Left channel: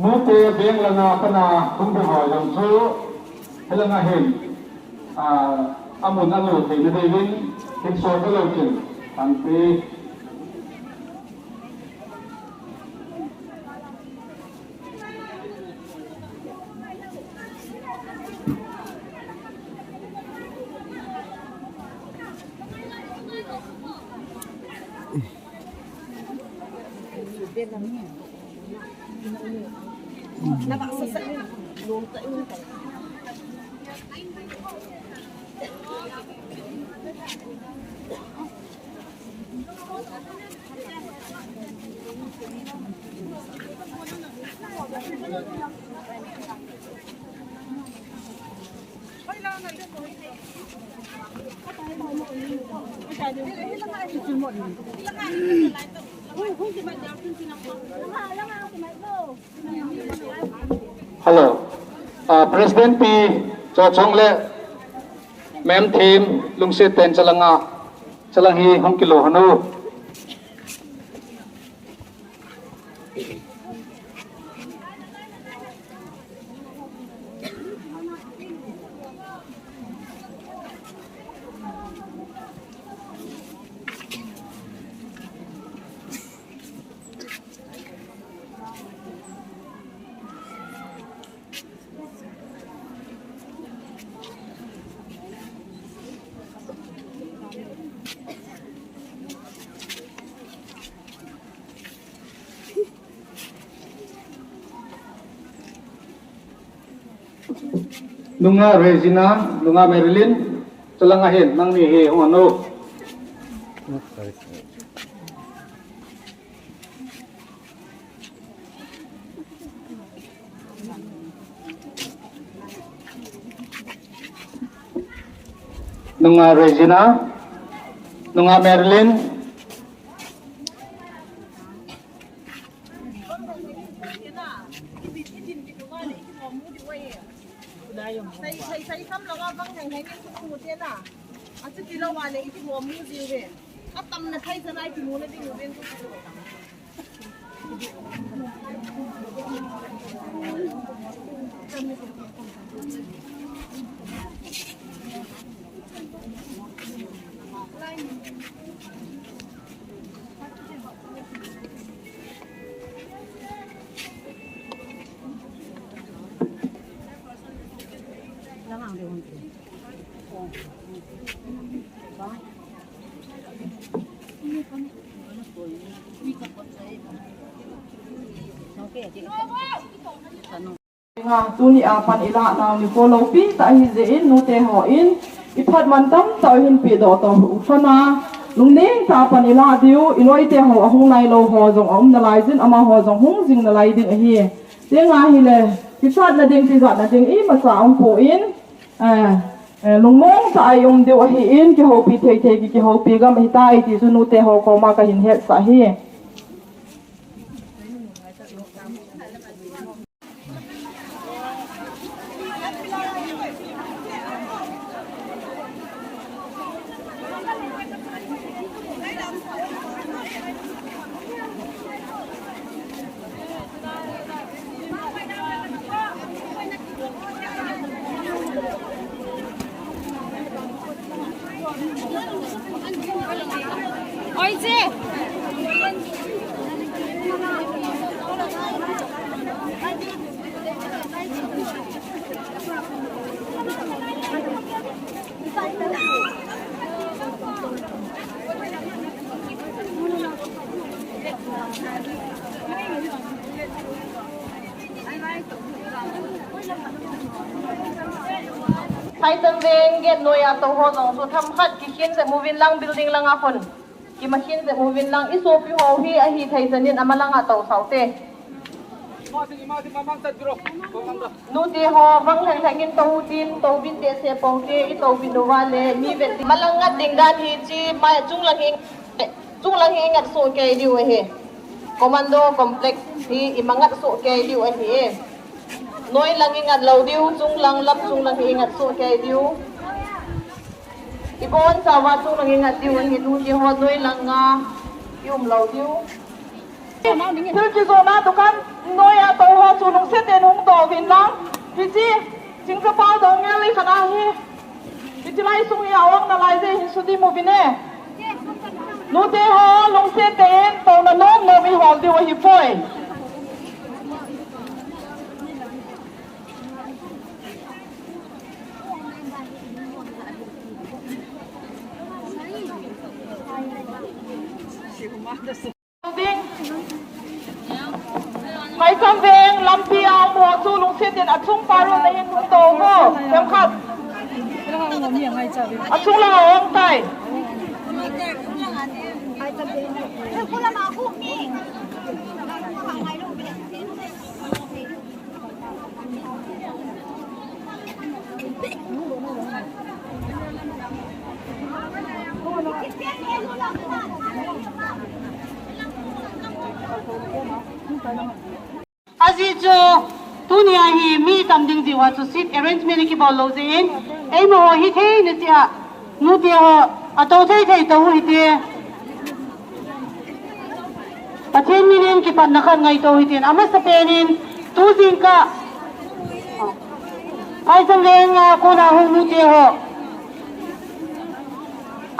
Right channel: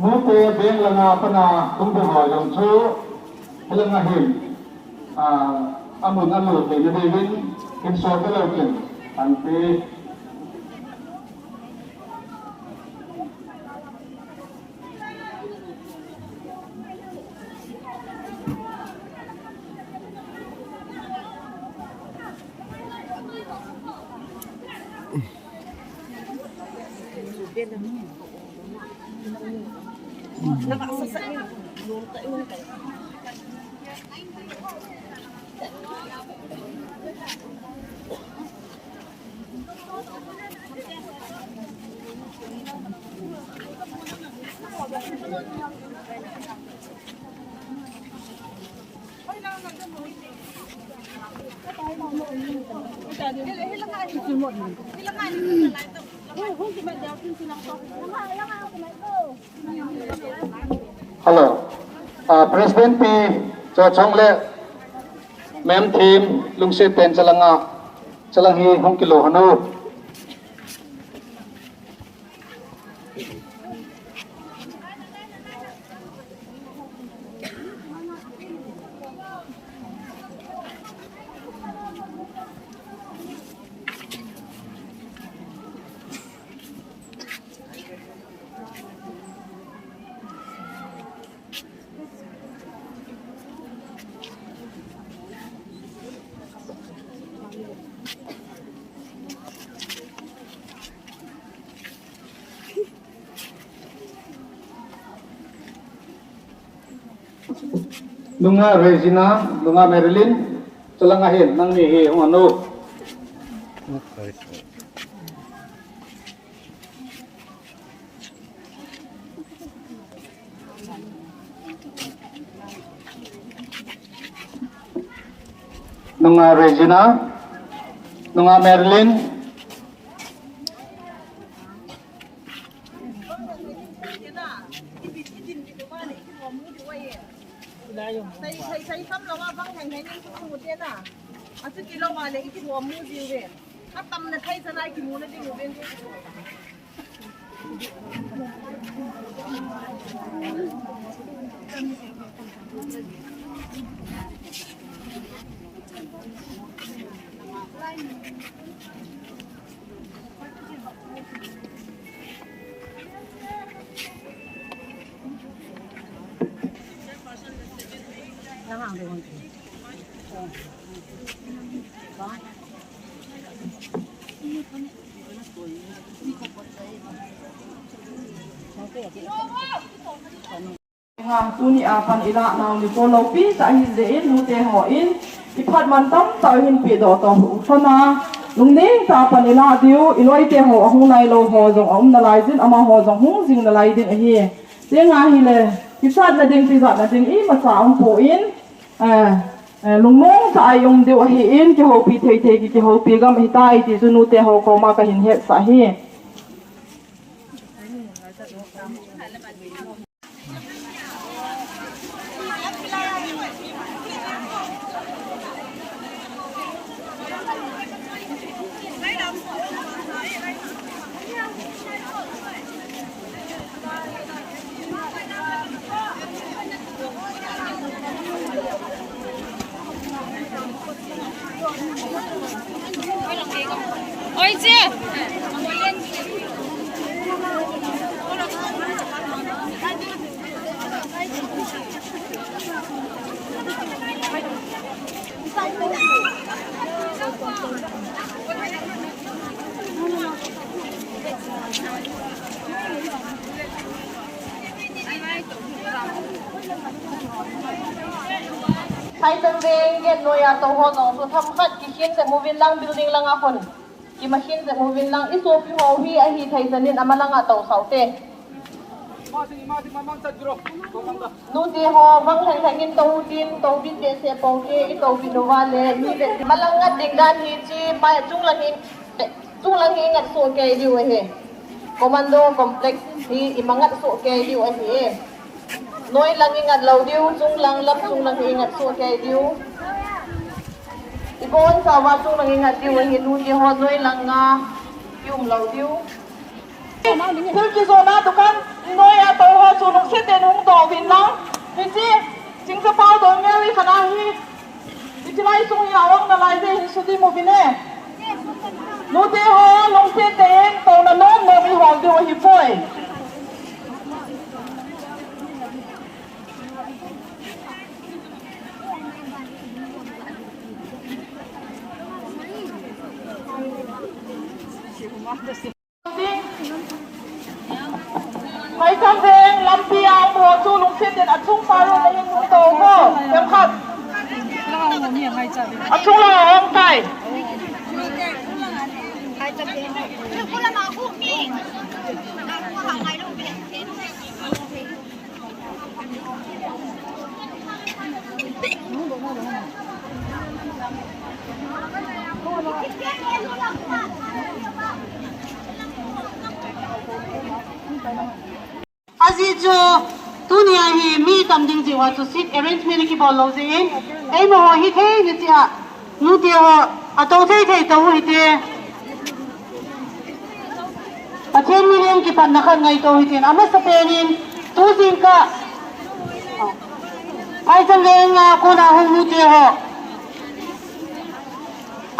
Mute beng langa pana kumbu hoy long chu langa him amun anu the ne devin hin so ka lo chen an pe Hello President P cho chong le mem team lung se ten chalangi hong kilo hanu Lunga Regina, Lunga Marilyn, Chalangahin, nang mihi hong ano. Lunga Regina, Lunga Marilyn, Saya kam lawa bang hang hang ku dia ta. Asu kilo wale iki wo mu ji we. Ka tam na khai sa lai ki mu na di mu den ku. Ngang tu ni apan ila na li ko lopi sa hi zein no te ho in อีพัดมันต้องต่อหินปีดอต่อหูชนะลุงนิ่งตาปันอีลาดิวอีลอยเตะหัวหุ่นในโลหอจงอมนาลายจินอามาหอจงหุ่นสิงนาลายดินเฮียเสียงาฮิเลยพิษนาดิงพิษนาดิงอีมาสาวองโผอินลุงมงจะอายุเดียวฮีอินที่หัวปีเทเทกิที่หัวปีก็ไม่ตายที่สุนุเตะหัวเขามาก็หินเหตุสาเหตุใครจะเวงเก็บหน่วยอาตัวหัวน้องสุดทำขัดกินแต่มูวินลังบิลดิ้งลังอาคนกิมาชินแต่มูวินลังอิโซฟิโฮฮีอาฮีไทยสนินอามาลังอาตัวเสาเตนูเตหอฟังไทยทางกินตัวจีนตัวบินเดเซปองเกอีตัวบินวาเลมีเวทีมาลังงัดดิ่งด้านฮีจีมาจุงลังหิงงัดโซเกดิวเฮCommando complex hi imangat so kay diu a hi noi lang ingat law diu chung lang lam chung lang ingat so kay diu ibon sa wa chung lang ingat diu hi nu di ho noi lang nga yum law diu Kuki-Zo na dukan noi a to ho chu nong se te nong do vin lang hi chi jing ka pao do nge li khana hi ti lai sung ya wang na lai ve hi su di mo bineนูเตหอลงเสียเตนตรงนั้นโน้มมีหอมดีว่าหิฟอยไปจำเวงลำเพียงหัวชูลงเสียเตนอัดชุ่มปลาโรในยังนุ่งโตก็เต็มขับอัดชุ่มเลยยังไก่Azijo dunia hi mi tam ding ji wa to sit arrangement ki bol lo jing ei mo hi thei ne tia nu tia ho ato thei thei to hi te pathen mi nen ki pan na khan ngai to hi tin ama sa penin tu jing ka ai sam leng ko na hu nu tia ho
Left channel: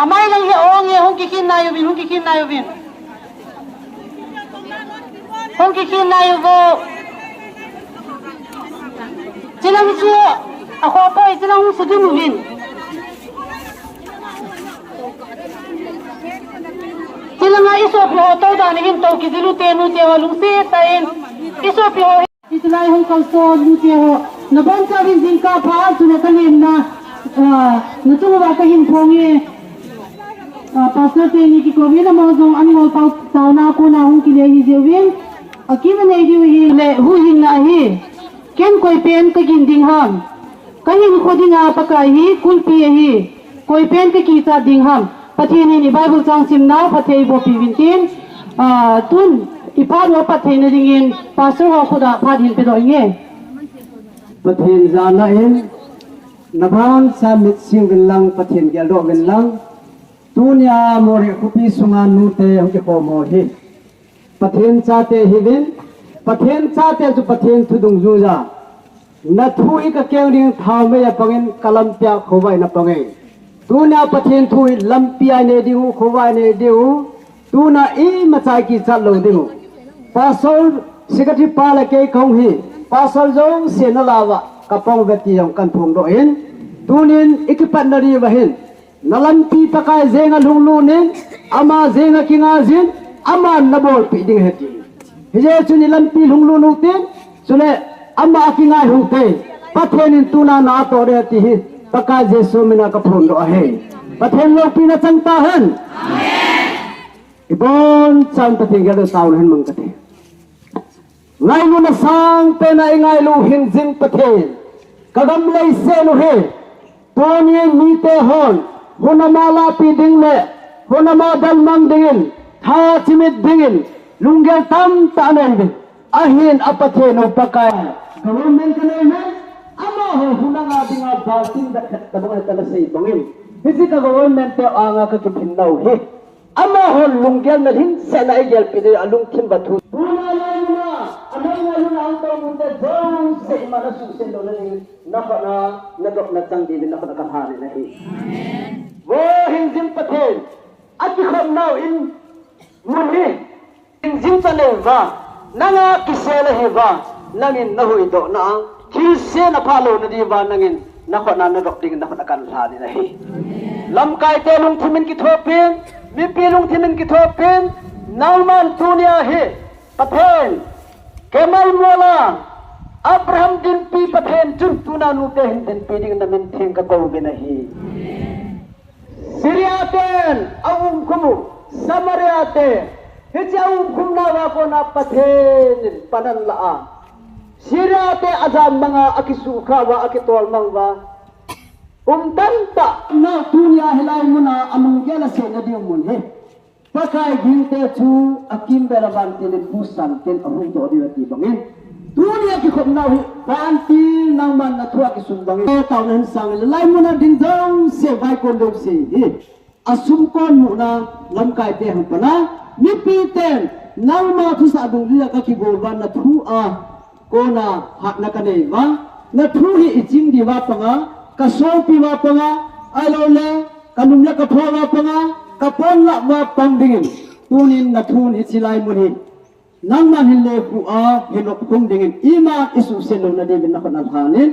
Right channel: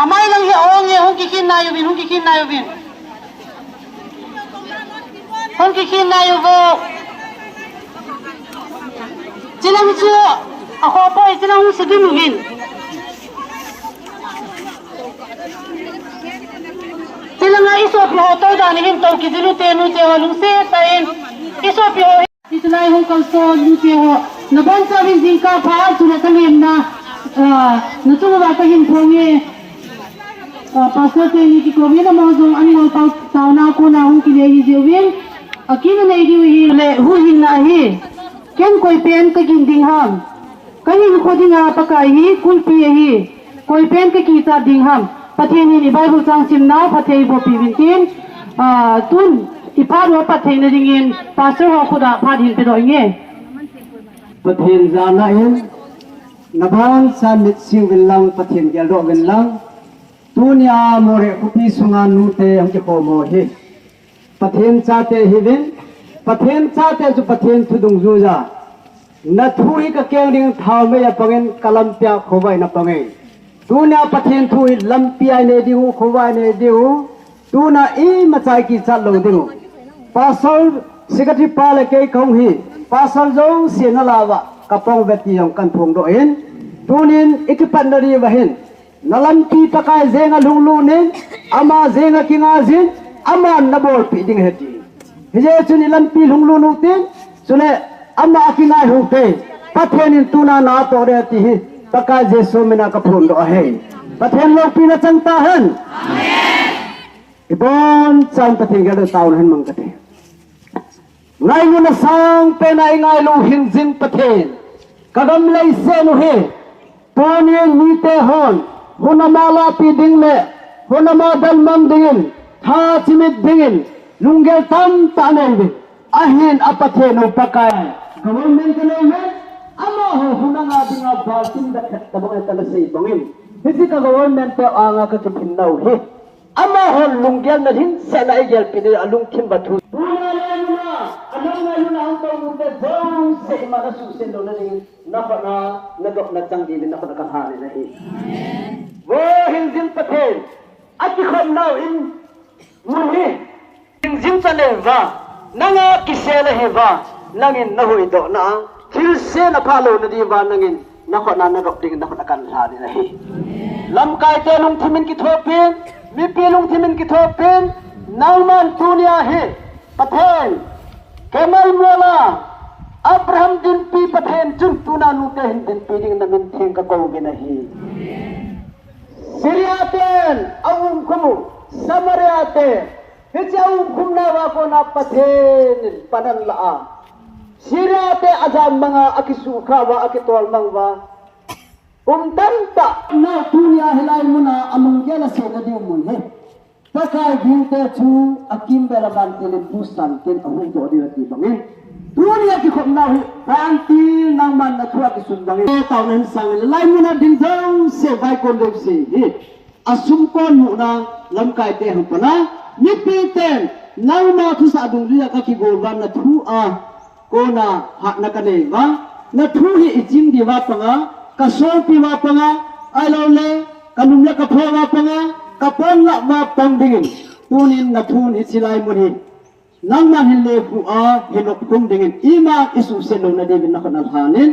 amai lang hi ong ye hu ki kin na yo bin hu ki kin na yo bin hu ki kin na yo vo Jilang chu ako po jilang sa dimuhin Jilang nga iso po to da ni him to ki dilu te nu te walung se tain iso po itlai ho kalso nu te ho na ban sa rin jing ka pha chu na tangim na na chu ba ka him khongi pastor te ni ki ko na mo jong an ngol tau na ko na hung ki le hi jewin akina nei di hi le hu hin na hi Ken koi pen ka gin ding ham ka hin khoding a pakai hi kulpi hi koi pen ka ki cha ding ham patheni ni bible chang sim na pathei bo pi win tin tun ipa ro pathei na ding in pastor ho khoda pha hin pe roi nge pathen jana in nabang sa mit sing bin lang pathen ya ro bin lang tunya Moreh kupi sunga nu te hom je ko mo hi pathen cha te hi bin pathen cha te ju pathen thudung ju ja na thui ka keling thau me ya pangen kalam pya khowai na pangai tu na pathen thui lam pya ne diu khowai ne diu tu na I machai ki chat lo diu pasol sikati pala ke khong hi pasol jong se na lawa kapong veti yong kan phung do hin tunin ikipan na ri wa hin nalam pi pakai zenga lunglu ne ama zenga kinga zin ama nabol pi ding heti Hije chuni lampi lunglu nutin sune amma akingai hute pathen tuna na to re ti hi paka Jesu mina kapun do ahe pathen lo pina changtahan ibon chang pathen ga do taun hin mong kate ngai lu na sang pe nai ngai lu hin jin pathen kagam lei se no he poni mi te hon hunama la pi ding le hunama dal man dingin tha chimit dingin lungel tam tanen bin ahin apathe no pakai government ne men ama ho hunanga dinga baltin da khat kadong ta sei bangin hisi ka government te anga ka kipin nau he ama ho lungel na hin se na igel pi de alung kim bathu puna la na anang la na ang to mun de jong se ma na su sen do na ni na pa na dok na chang di na ka ha ni na he amen wo hin jin pathen ati khom nau in mun he hin jin chale wa nanga kisele he wa nangin na hui do na hil se na phalo na di wa nangin na kho na dok ding na kho kan ha ni na he lam kai te lung thimin ki thopin mi pi lung thimin ki thopin nauman tunia he pathen kemal mola abraham din pi pathen chun tuna nu te hin din pi ding na min theng ka ko be na hi siriaten awum kumu samariate hijau kumna wa ko na pathen panan la a siriate azam mga akisu kha wa akitol mangwa tanta na tunia hilai muna among gela se na di mun he pakai ginte chu akim beraban tin busan tin ahun to di ati bangin dunia ki khom na panti nang man na thua ki sun bangin taw nen sang lai muna ding dong se vai kon dong se hi asum kon mu na lam kai te hum pana mi pi ten nang ma thu sa dung ria ka ki go ban na thu a ko na hat na ka ne wa na thu hi ijing di wa panga ka so pi wa panga ai lo le kanum la ka pho wa panga kapon la ma pandingin tunin na thun isilai muni nang man hille ku a hinok kum dingin ima isu selo na de bin na kanal hanin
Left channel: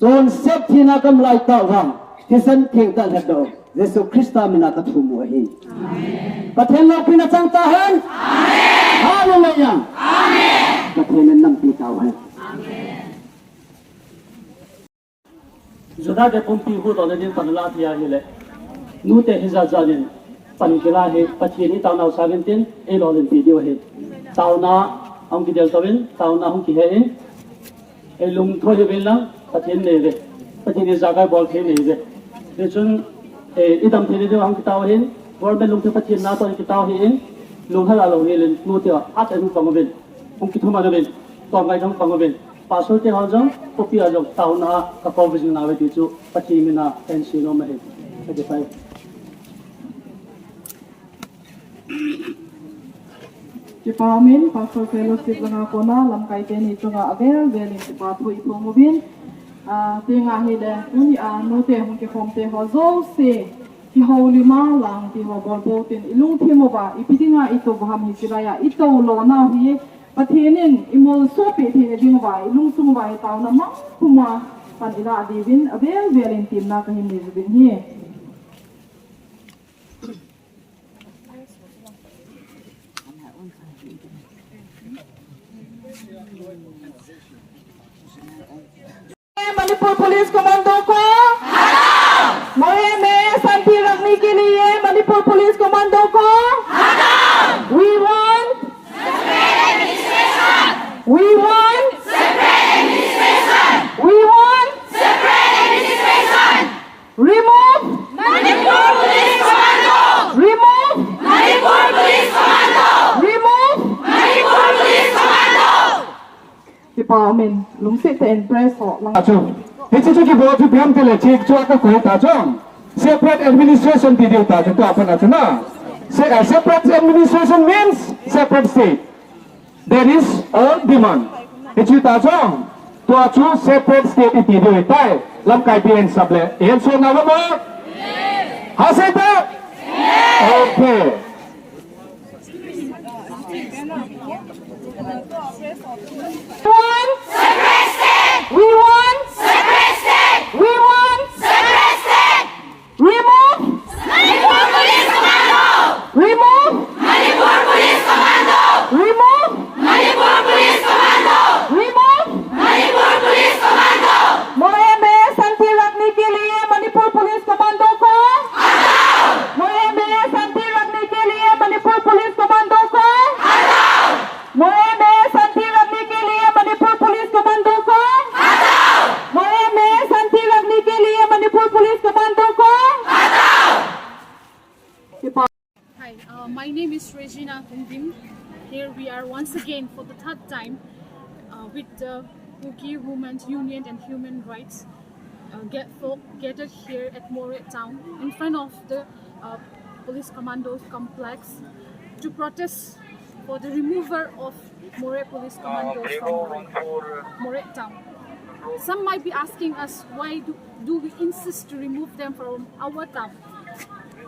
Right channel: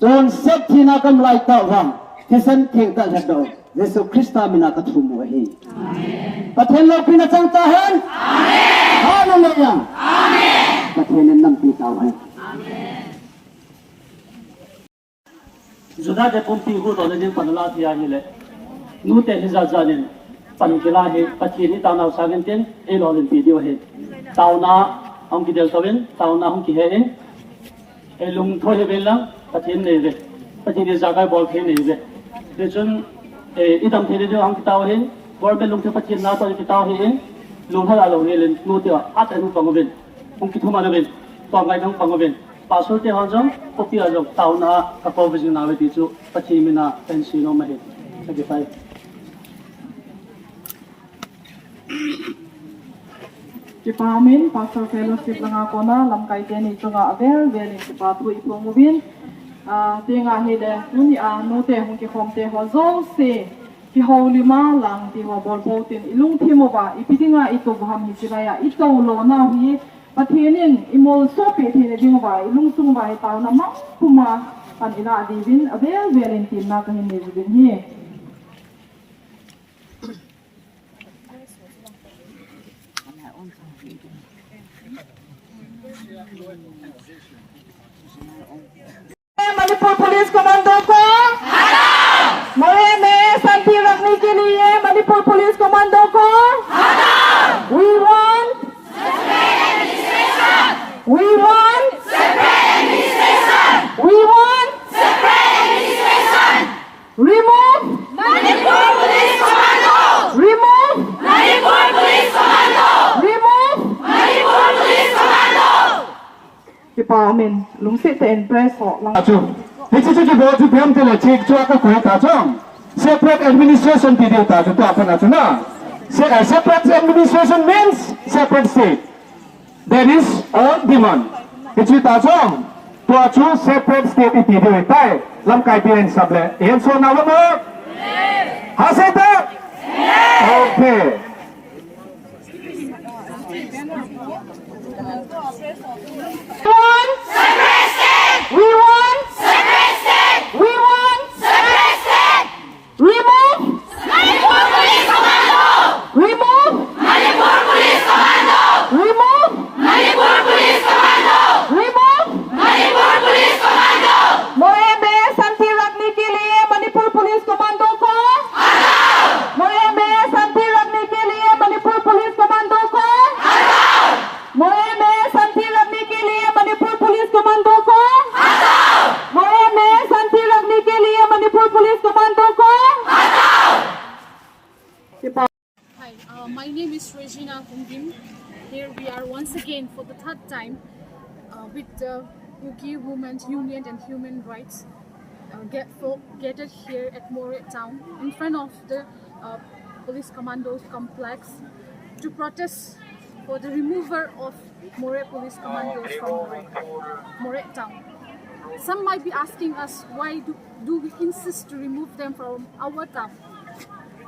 ton set thina kam lai ta wa kesan theng ta do Yesu Krista mina ka thumu hi amen pathen lo pina chang ta han amen hallelujah amen pathen nam pi ta wa amen जुदा के पुंती को तो दिन पनला थिया ले नुते हिजा जालिन पनकिला हे पछिनी ताना सागिन तिन ए लोलिन वीडियो हे ताउना हम की देलतविन ताउना हम की हे ए लुंग थो हे बेला पछिन ने रे पछिनी जागा बॉल खे ने रे रेचन ए इदम थे जो हम की ताव हे वर्बे लुंग थे पछिन ना तो की ताव हे लुंग थला लो ने लेन नुते आते नु पंगबेन हम की थुमा बेन तो गाय हम पंगबेन पासो ते हजम कॉपी हजम ताउना का कोविजन नावे तिचु पचिमिना पेंसिनो महे 35 Ci pamin pastor fellowship nga ko na lam kai te ni tunga avel velin ki pathu ipomobin tinga hide uni a no te hon ki khom te ho zo se ki holy ma lang ti ho bor bo tin ilung thi mo ba ipidinga ito baham hi siraya ito lo na hi pathinin imol so pe thine ding ba ilung sung ba ta na ma kuma pan ila divin avel velin tin na ka hin ni bin hi Manipur police commando को मोरे में शांति रखने के लिए Manipur police commando को We want remove Manipur Police Commando. Remove Manipur Police Commando. Remove Manipur Police Commando. Chị bảo mình lúng sẽ tên press họ lắm. Hãy subscribe cho kênh Ghiền Mì Gõ để không bỏ lỡ separate administration video ta cho các bạn na. Separate administration means separate state. That is all demand. Itu ta chong. Tua chu separate state video itai. Lam kai bien sable. Em so na lo mo? Haseta? Okay. We want separate state. We want separate state. Remove Manipur Police Commando. Remove Manipur Police Commando. Remove Manipur Police Commando. Remove Manipur Police Commando. मोरे में शांति रखने के लिए police commando को मोरे में शांति रखने के लिए Manipur police commando को मोरे में शांति रखने के लिए मणिपुर पुलिस कमांडो को मोरे में शांति रखने के लिए मणिपुर पुलिस कमांडो को Hi, my name is Regina Kundim. Here we are once again for the third time with the Kuki Women's Union and Human Rights gathered here at Moreh town in front of the Police Commandos complex to protest for the removal of Moreh Police Commandos from Moreh town. Some might be asking us why do we insist to remove them from our town?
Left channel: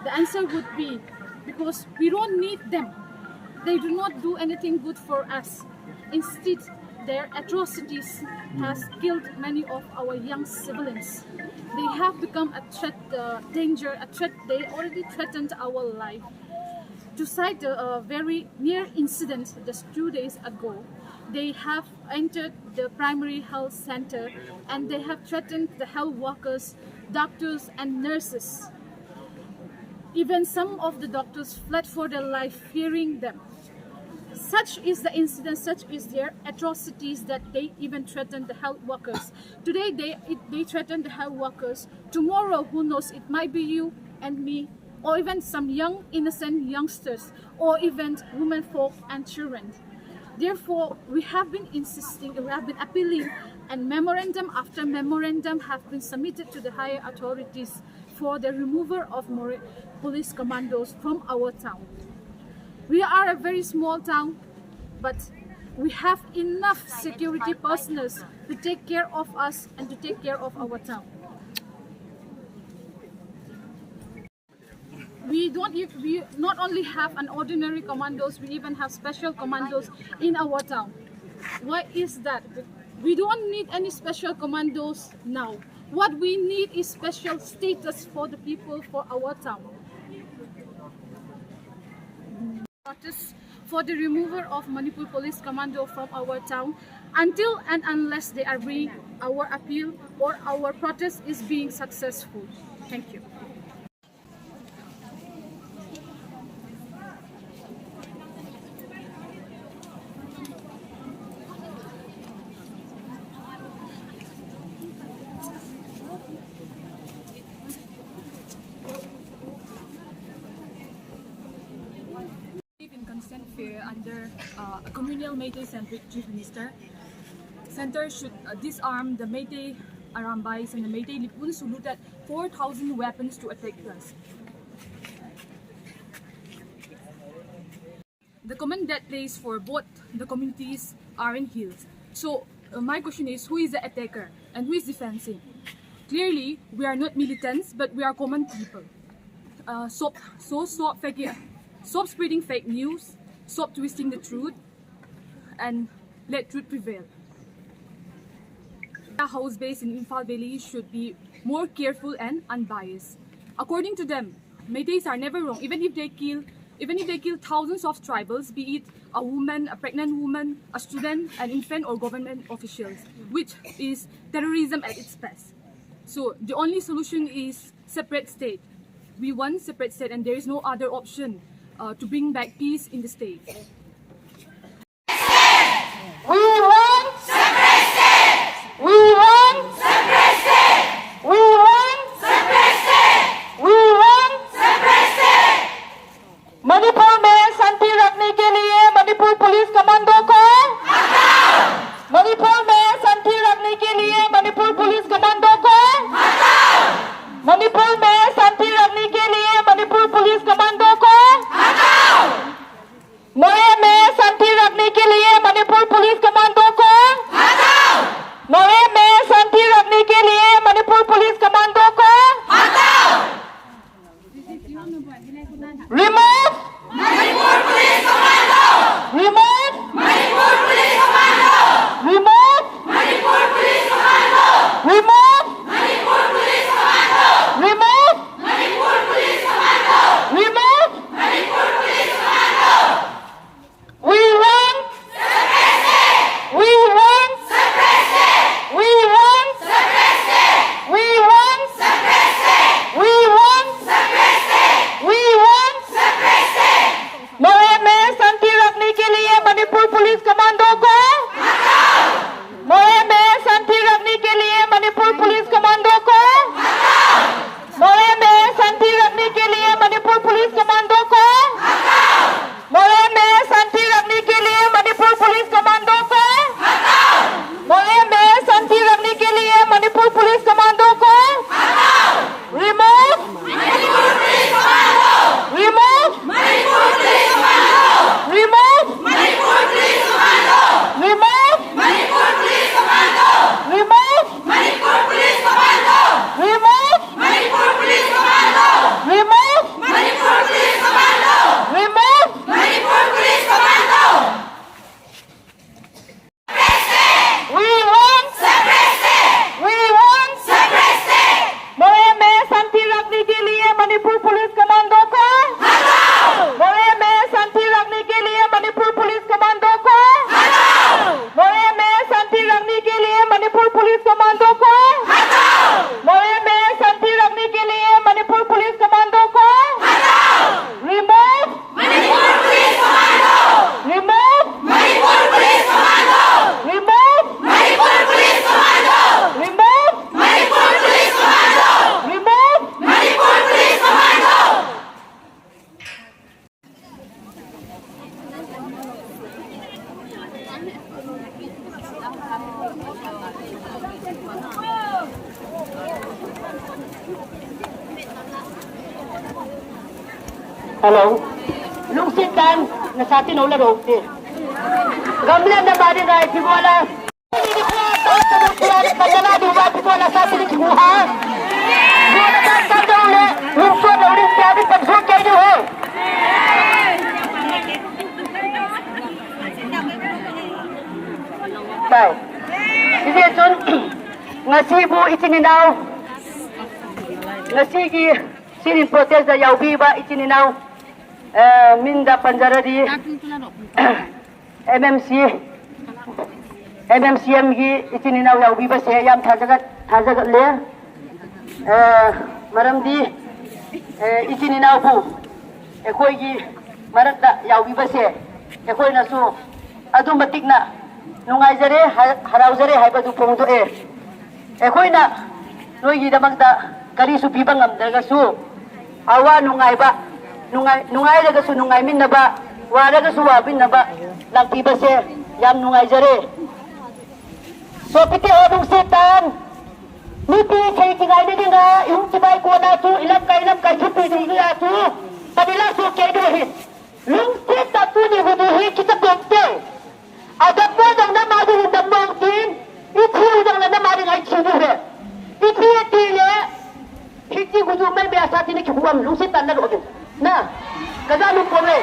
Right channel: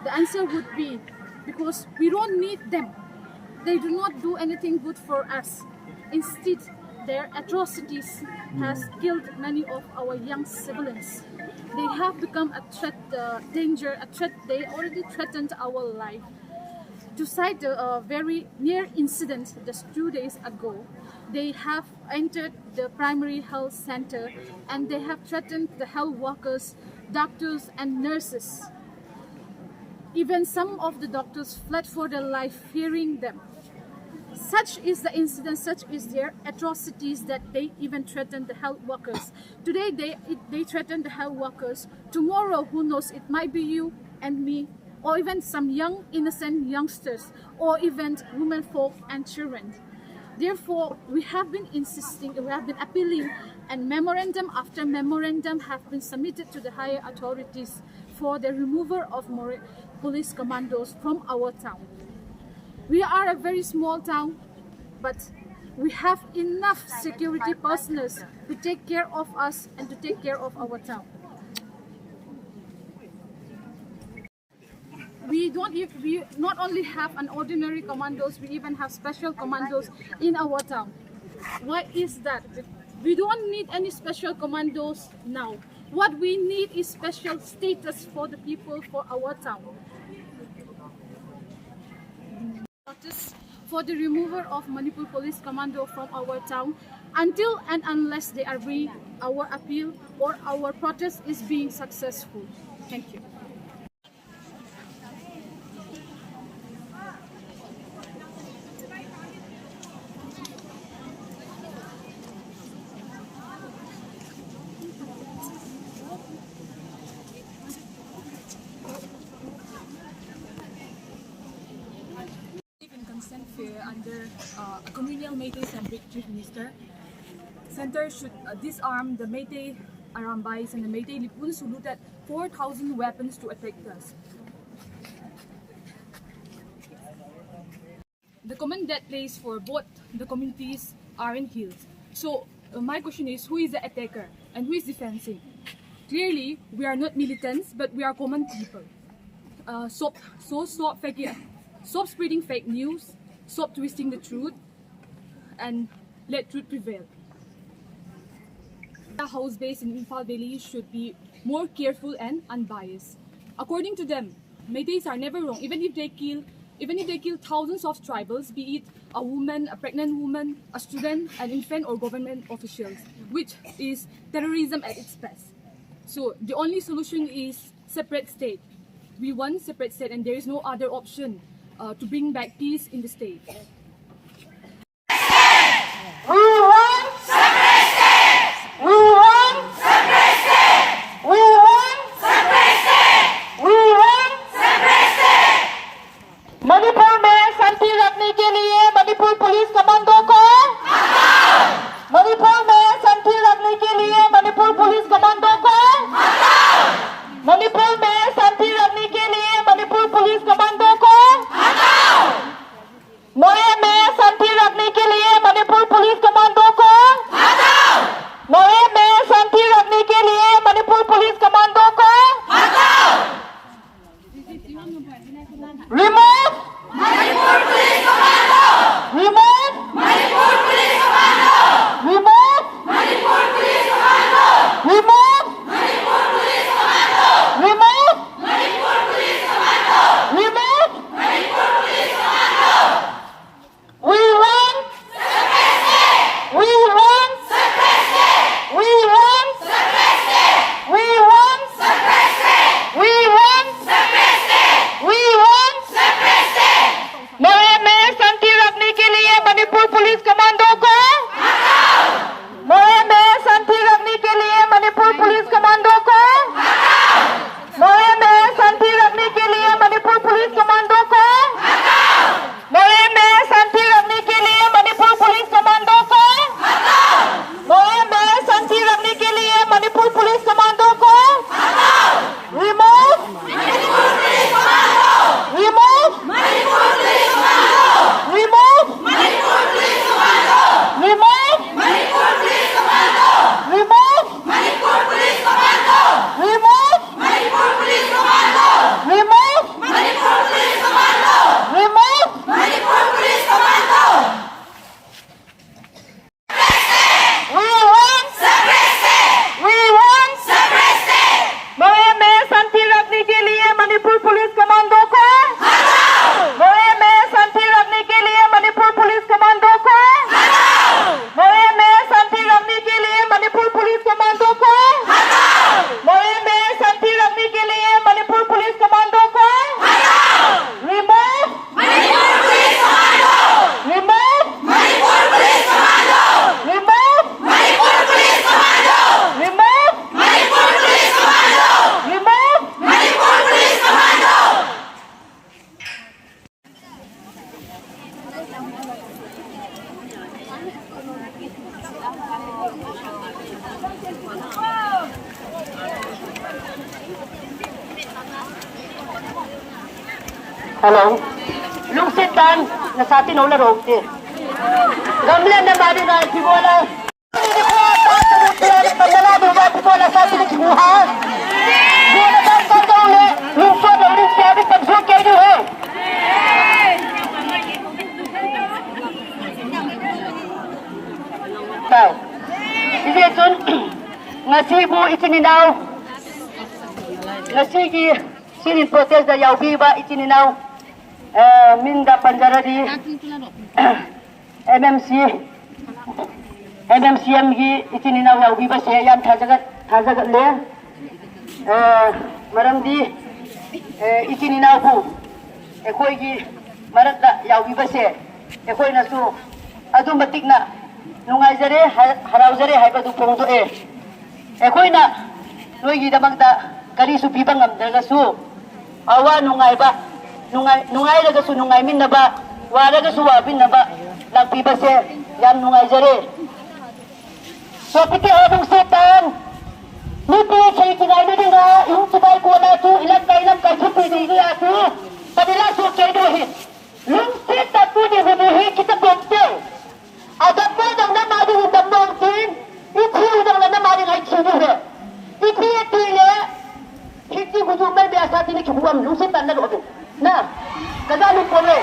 The answer would be because we don't need them. They do not do anything good for us. Instead, their atrocities has killed many of our young civilians. They have become a threat, danger, a threat. They already threatened our life. To cite a very near incident just 2 days ago, they have entered the primary health center and they have threatened the health workers, doctors and nurses. Even some of the doctors fled for their life fearing them. Such is the incident, such is their atrocities that they even threaten the health workers. Today they threaten the health workers. Tomorrow, who knows, it might be you and me, or even some young innocent youngsters, or even women folk and children. Therefore, we have been insisting, we have been appealing, and memorandum after memorandum have been submitted to the higher authorities for the removal of Moreh Police Commandos from our town. We are a very small town, but we have enough security personnel to take care of us and to take care of our town. We not only have an ordinary commandos, we even have special commandos in our town. Why is that? We don't need any special commandos now. What we need is special status for the people for our town. Protest for the removal of Manipur Police Commando from our town until and unless they agree our appeal or our protest is being successful. Thank you. Fear under a communal Meitei centric chief minister. Center should disarm the Meitei Arambais and the Meitei Lipuns who looted 4,000 weapons to attack us. The common death place for both the communities are in hills. So my question is, who is the attacker and who is defending? Clearly, we are not militants, but we are common people. Stop spreading fake news. Stop twisting the truth and let truth prevail. The house base in Imphal Valley should be more careful and unbiased. According to them, Meiteis are never wrong, even if they kill thousands of tribals, be it a woman, a pregnant woman, a student, an infant, or government officials, which is terrorism at its best. So the only solution is separate state. We want separate state, and there is no other option to bring back peace in the state. We want separate state. We want separate state. We want separate state. We want separate state. Manipur में शांति रखने के लिए Manipur police commando को हटाओ। मणिपुर में शांति रखने के लिए मणिपुर पुलिस कमांडो को हटाओ। मणिपुर में शांति रखने के लिए मणिपुर पुलिस कमांडो को हटाओ। मोरे में शांति रखने के लिए मणिपुर पुलिस कमांडो को हटाओ। मोरे में शांति रखने के लिए मणिपुर पुलिस कमांडो को हटाओ। Remove Manipur Police Commando. Remove Manipur Police Commando. Remove Manipur Police Commando. Remove Manipur Police Commando. Remove Hello. Lung sitan na sa atin na rog ti. Gamlan na mali na ipibola. Hindi ko ata tumutulong na paglalado ba ipibola sa atin ni buha. Buha na sa daw le. Lung so daw rin sa atin pagsok kayo niyo he. Bye. Hindi tun ngasibu itininaw. Ngasigi sinin protest da yaubi ba itininaw. Minda Panjaradi MMCM gi itininaw yaubi ba se yam thajagat le maramdi itininaw bu ekoi gi marakda yaubi ba se ekoi na su adu matik na nungai jare harau jare haiba du pongdo ekoi na noi gi damagda kari su pibang amdaga su awa nungai ba nungai daga su nungai min na ba wa daga su wa bin na ba lagpi ba se yam nungai jare so piti odong setan nipi chai kinai ni dinga yung sibai ko na su ilang kai chupi dinga su kanila su kay do hi lung seta tu ni hu hi kita bomte ada po dang na madu dang mong tin ithi dang na madu ngai chi du he ithi ti le hiti ku ju mai biasa ti ni ki huam lung setan na ro na kada lu pole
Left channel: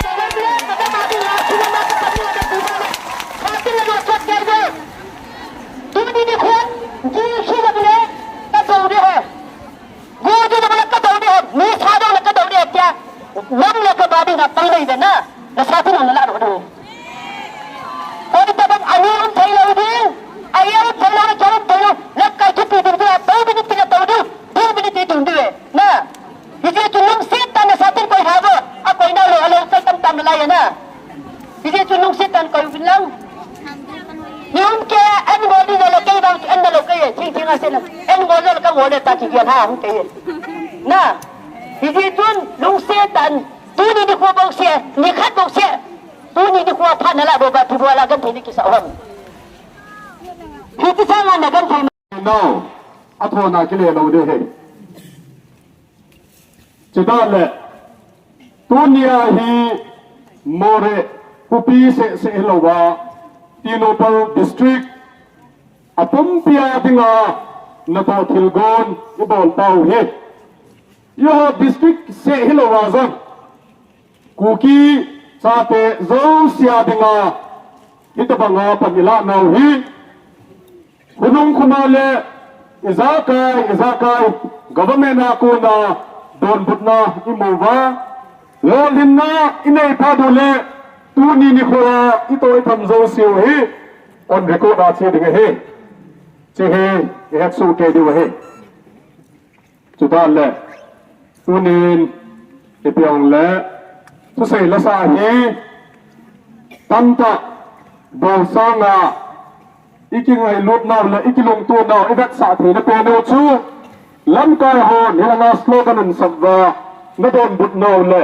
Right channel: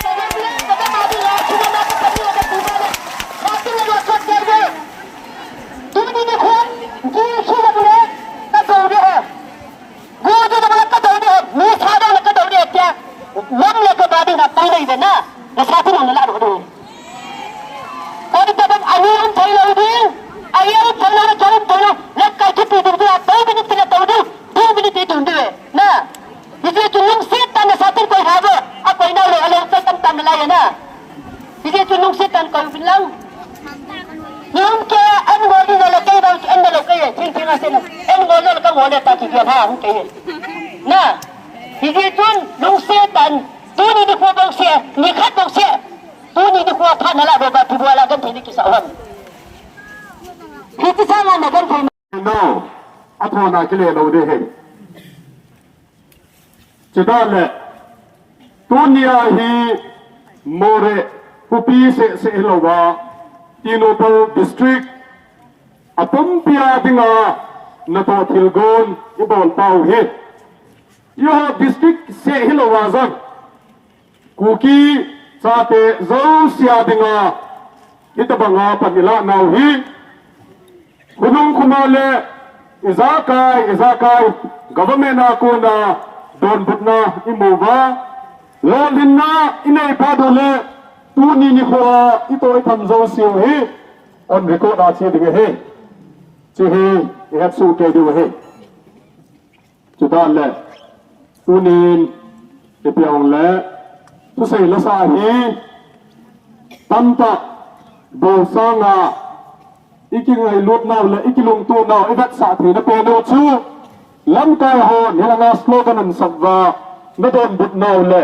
kada madu ya chuna ma ka ni ada bu ma hati la ro sot kar tu ni ni khon ji su ba le ka do de hai go ji da ka do de ni sa do la ka do de kya lam le ka ba de na tai lai na na sa ti na la ro do और तब अनियम फैला दिन अनियम फैला चरम फैला लग का कितनी दूर से 2 मिनट के तोड़ो 2 मिनट ढूंढे ना इसे चुनुंग से तन सातिर कोई हावे अब कोई ना ले अलो से तन लाए ना इसे चुनुंग से तन कोई बिलंग यूं के एन गोली वाला के बाउस एन वाला के ठीक से ना एन गोली का गोले ताकि बिया हां के ना इसे चुन लुंग से तन तू ni ko bang se ni khat bang se tu ni ko pha na la do ba tu wala gan thini ki sa ham hiti sa na gan thai no athona ke le lo de he chida le tunia hi Moreh kupi se lo ba tinopo district apum pia dinga na to thilgon ibol pau he yo district se hilo wa zan Kuki-Zo sia dinga itabanga pamila nau hi kunung kunale izakai government na ko na don butna imuwa lo linna inai padole tu ni ni ko ito tham zo siu hi on record a che dinga he che he he su ke di he chudan le tu ni ipiang le tu sei la sa hi tanta do sanga iking ai lut naw le ikilung tu naw evat sa thri na pe no chu lam ka ho ni la na slogan an sabwa na don but naw le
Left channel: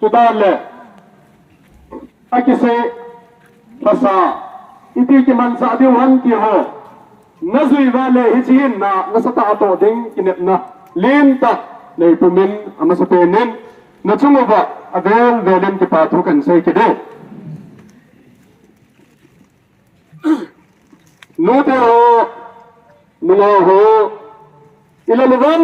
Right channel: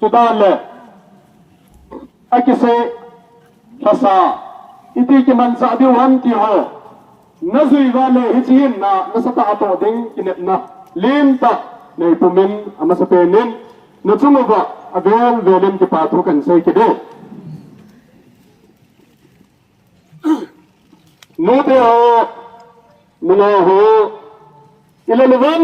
tu da le akise pasa iti ki man sa diu han ki ho na zui wa le hi chin na sa ta to ding kinet na lim ta nei pumin ama sa penin na chunga ba avel velem ki pathu kan sei ki de no te ho no ho ilalubam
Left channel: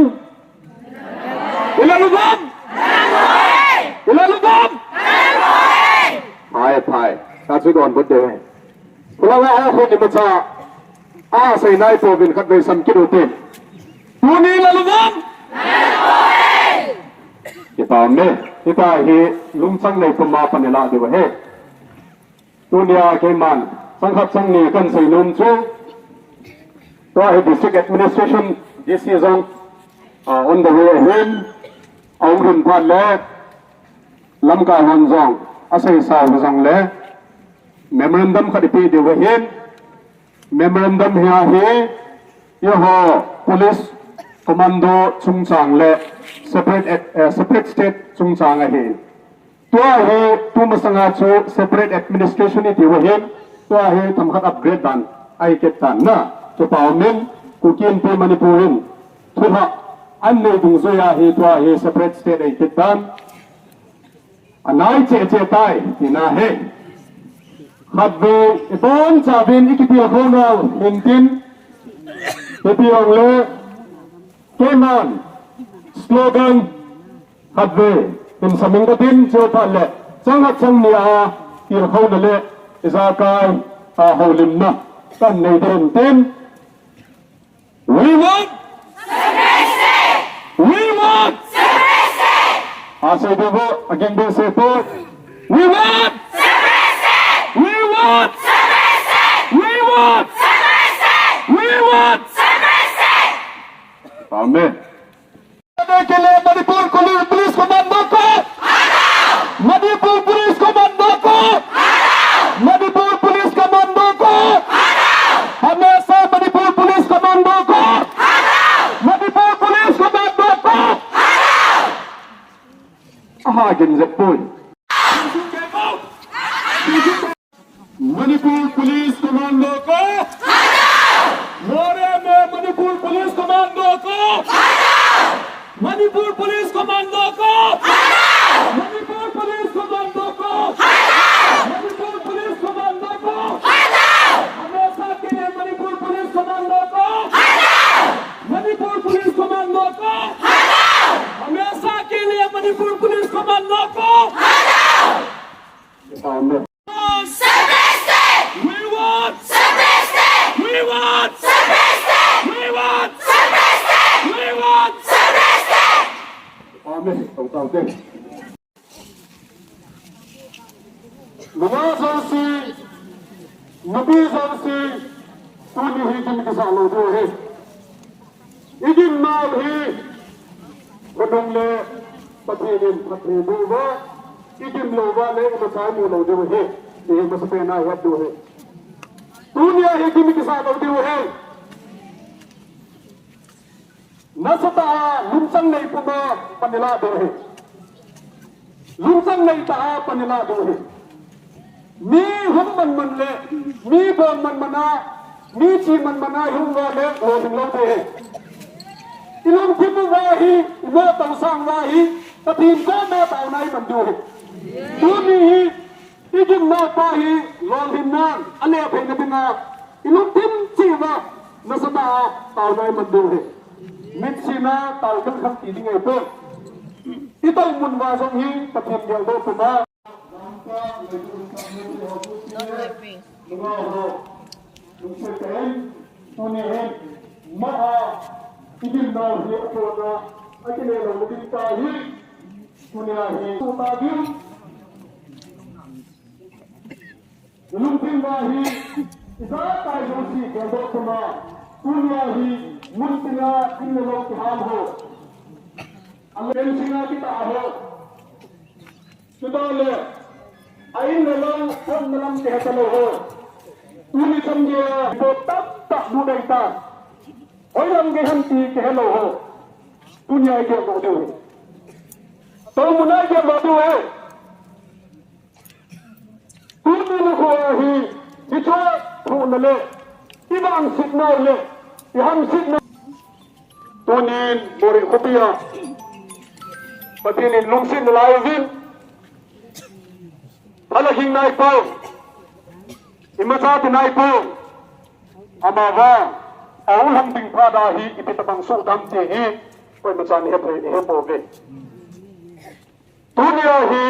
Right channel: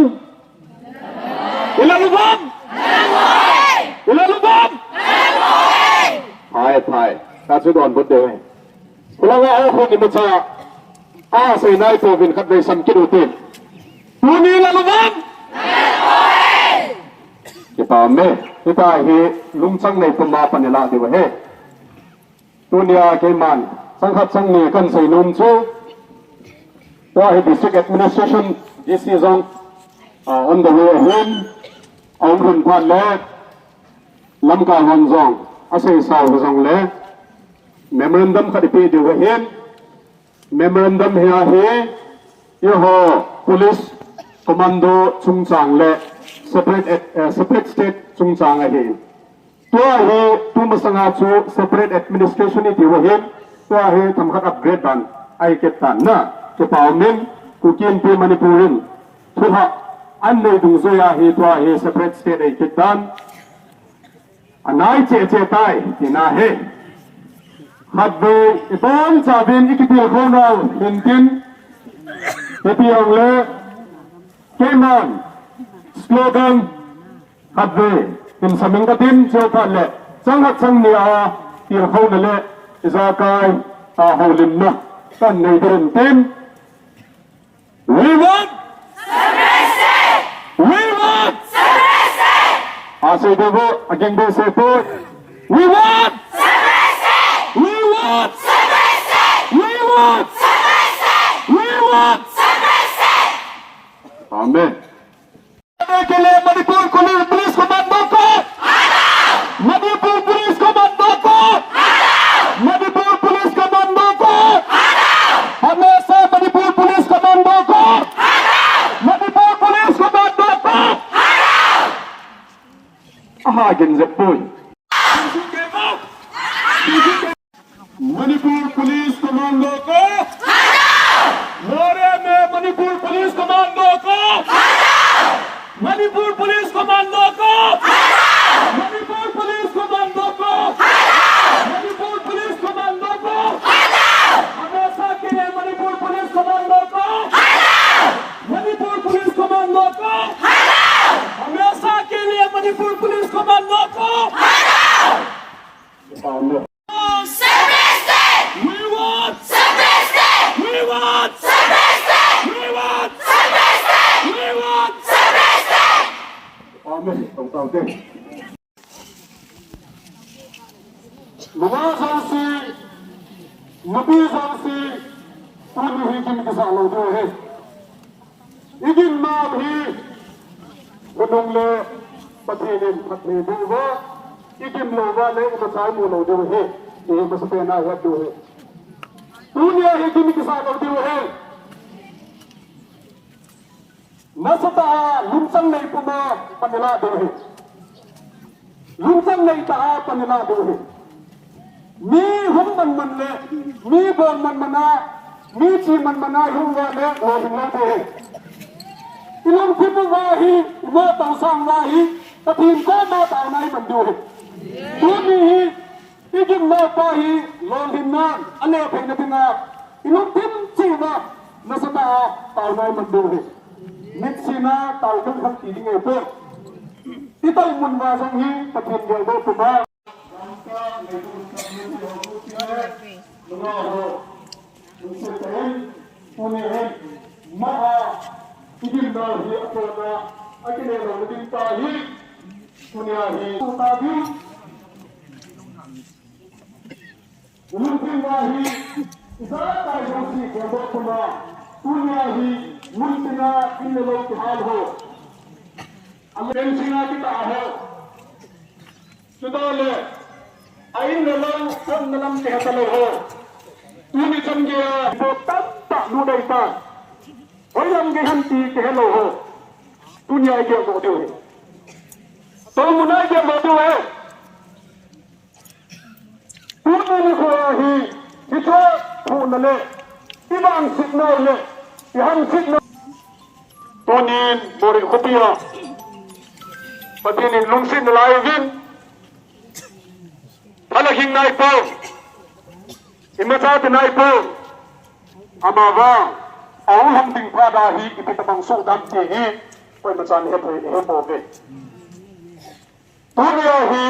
thai ta chu don bud de kulanga ho ko ni macha a sei nai po vin khat ve sam ki do te tu ni ilalubam kita me kita hi lungchang nei puma panela de he tunia ke man sangkhat sang ni kan sei num chu to hi district administration this is on the way ahead ong hun phan le lam ka hon zong asai sa hu zong le memorandum khat pe de he memorandum ha he ye ho police commando chung chang le separate state chung chang a he to he tu masanga chu separate administration ni de he to he tham khat upgrade dan ai ket tan na to pawmin kukin pe manipurin thuha an nei dung zo ya he to he separate state ai ket dan anai che tai ina he mặt về bốn trả viên ikipil không đâu mình tin ikipil le cái mòn slogan mặt về mình sắm mình cái tin chưa phải lệ chẳng hạn chẳng nia tiền không lệ ra cái hậu lim na kan này tiền tin we want we want say devo again they say for we want we want we want we want amen के लिए Manipur police commando को Manipur police commando को Manipur police commando को हमेशा Manipur police commando को Manipur police commando को आगे जपुई Manipur police commando को मोरे में मणिपुर पुलिस कमांडो को मणिपुर पुलिस कमांडो को मणिपुर पुलिस कमांडो को मणिपुर पुलिस कमांडो को हमेशा के लिए मणिपुर पुलिस कमांडो को मणिपुर पुलिस कमांडो को हमेशा के लिए मणिपुर पुलिस कमांडो को Mga zansi, nabi zansi, tuni hi kim kisa lodo hai. Igin naam hi, gadung le patinin patni duwa, igin loga le ibatay mo lodo hai. Ihi ko sa pena hai do hai. Tuni hi kim kisa lodo hai. Nasata lumsang nei puma panila do hai. Lumsang nei taha panila do hai. मी हम मन ले मी बोल मना मी ची मना हम वाले वो हम लोग हैं इलों फिर वाही वो तंसांग वाही तभी इनको ना ताऊना ही बंदू है तू नहीं इगिम ना पाही लोग हिन्ना अने फिर बिना इलों फिर ची ना नसता ताऊना ही बंदू है मिक्सी ना ताऊकल खल तीली गए पर इतना मुन्वासों ही तभी गल दो तुम्हारा ain nalang pon nalam kehatalo ho tuni samgya bo tatta nudai ta oyam ge hanti kehalo ho dunia ge bo do to munai ge bo do hai tuni ho hi bitwa ho nale ibang signal le iham signal tunin bori khopia patinin lungsin lai vin Alaging naipo, imekati naipo, amawa, aulang ding padahi ipitabang sudam tehi, pwede masani hepoge. Tuniyahi,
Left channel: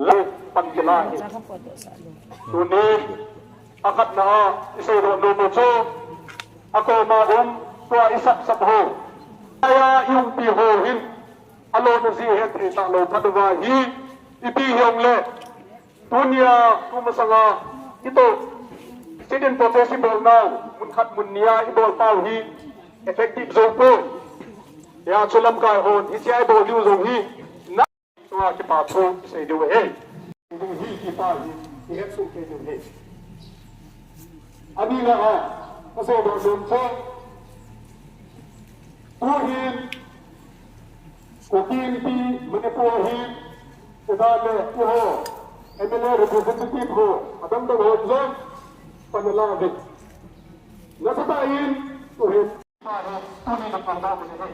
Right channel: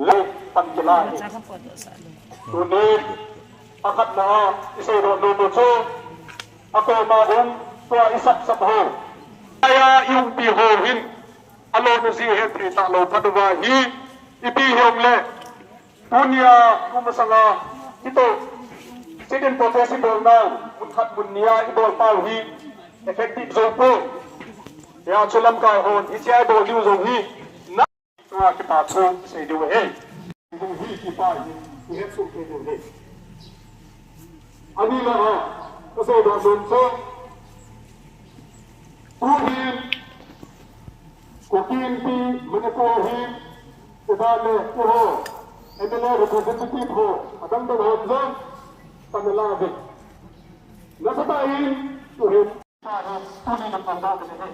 lai pagkilahi. Tuni, akat na isay rododoso, ako maong kwa isak sa baho. Kaya yung pihohin, alo na si Henry talo padugahi, ipihong le dunia kumasanga ito student possible na munhat munia idol tawhi effective zopo ya chulam kai hon isi idol liu zonghi na to kita thong se do he hi ki pa hi he su ke do he ani la ha ko se do don so uhin ko kin pi mane ko hi Sedale uho, emele representative ho, adang dong hodlo, kanalagin. Nasabayin, uhin, tuni ng pangbago nila.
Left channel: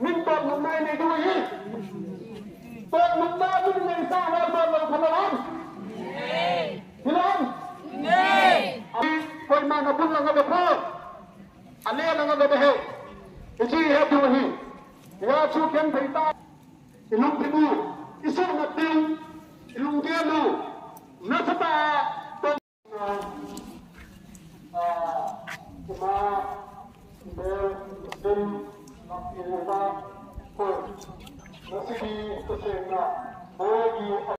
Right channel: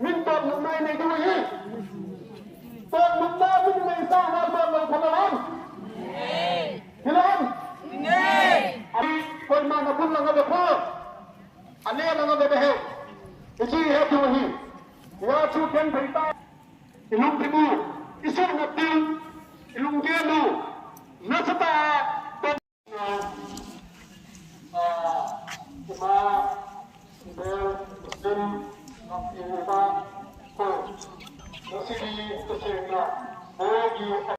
Minta mengenai negeri Tuan Bunda itu mengisah Tuan Berkenalan Hilang Kau mana pun lang ada pro Ane lang ada behe Isi hati wahi Ya cukan berita Ilung tibu Isu ngatil Ilung gelu Nasata Cuma Berdim Nakibat Kau Nasigi Kesehnya Bagi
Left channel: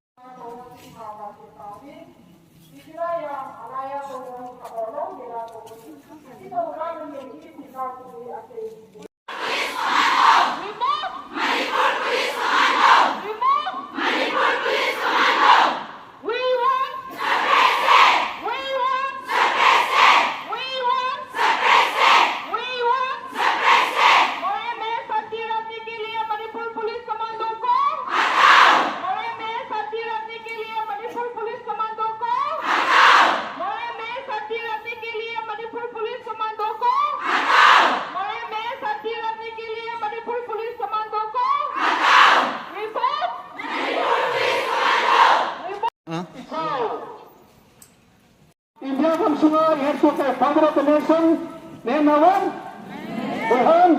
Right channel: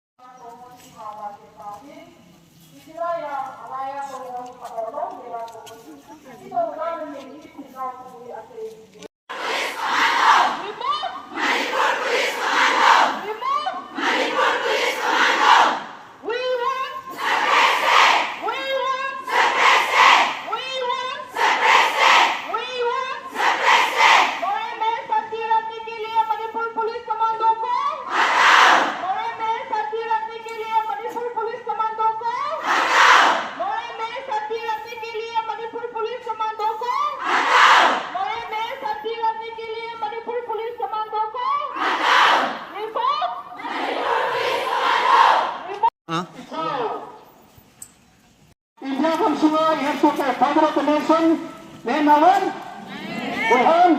India kan sungai yang suka Father of the Nation Nenawan Tuhan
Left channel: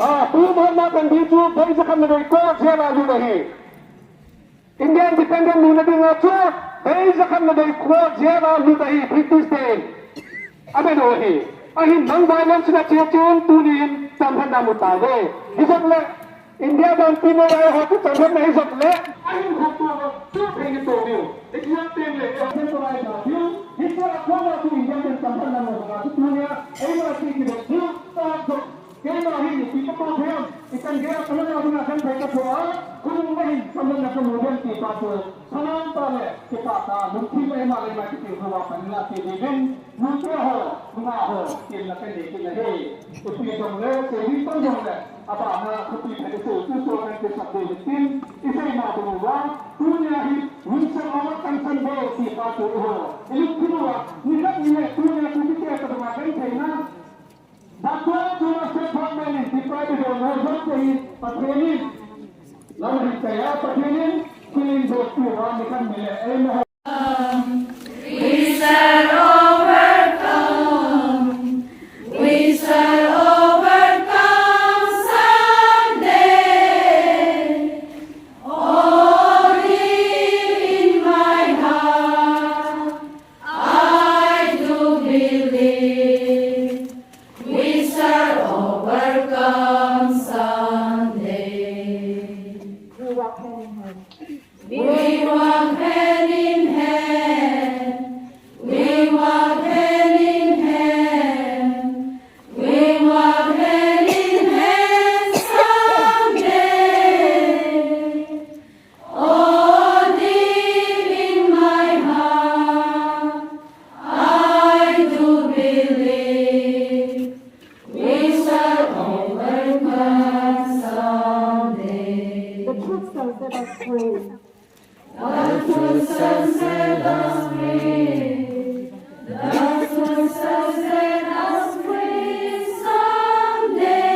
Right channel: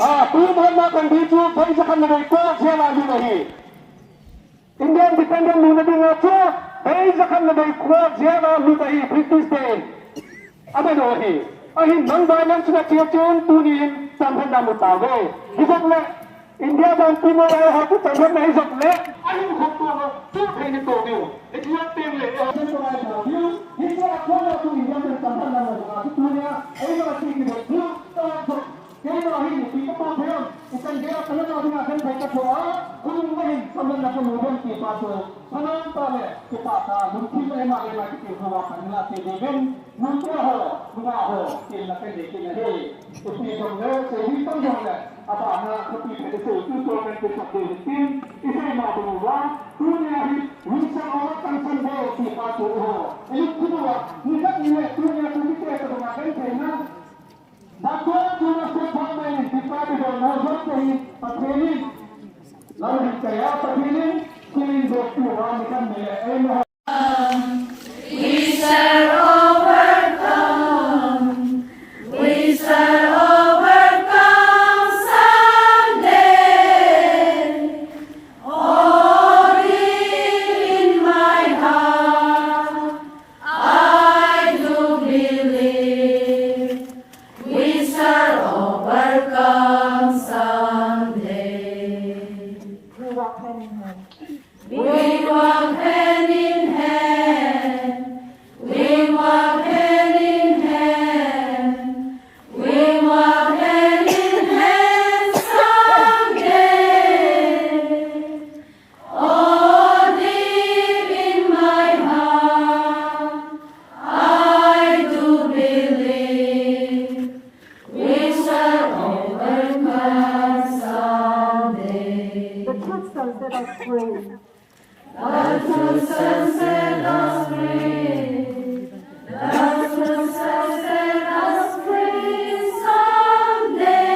Tuhan makan biju Bagi sekan mereka Siapa lalu lagi India independent Luna di ngacu Bagi sekan mereka Siapa lalu lagi British Day Ada lagi Ahin non-violence na ciyacun Tunin Sampan namu tago Hisap le India dan Timur Raya Hatu sampan na hisap le Ahin hutu Tuhan itu ni Ikiyak tinggi Hisap aku tu India dan sampan namu Tunia Ayo masih kita Tuh Kaya ini kita tahu ikan dia kalau nak gunakan baik semua, kulung mahin sambil nak kemudian kita tu, sambil tale kita tak mungkin memang kita bawa panjang TV nanti bunga kita kena kita ni, upi jomle, sehari pun jomle, apa anak upi pada itu soalan kita boleh itu mau bunga, dunia ini bisa orang kansan boleh kita tu, ini kedua, ni dunia kita termakan kerana Dapat cuma sepah main di pada dan nazar sehingga patroli lalu dikaya patroli kulit bertuhan ikan milik We shall overcome. We shall overcome someday. Oh, in my heart, I do believe. We shall overcome someday. We walk hand in hand. We walk hand in hand. We walk hand in hand. We walk hand in hand someday. Oh, deep in my heart, I do believe. We shall overcome someday. The truth shall set us free. The truth shall set us free. The truth shall set us free someday.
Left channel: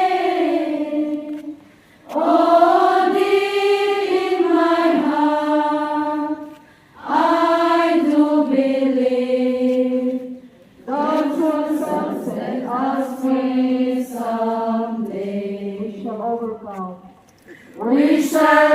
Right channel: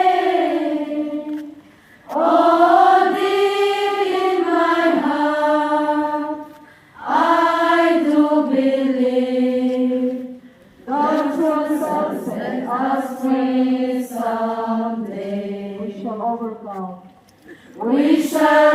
Oh, deep in my heart, I do believe. The truth shall set us free someday. We shall overcome. We shall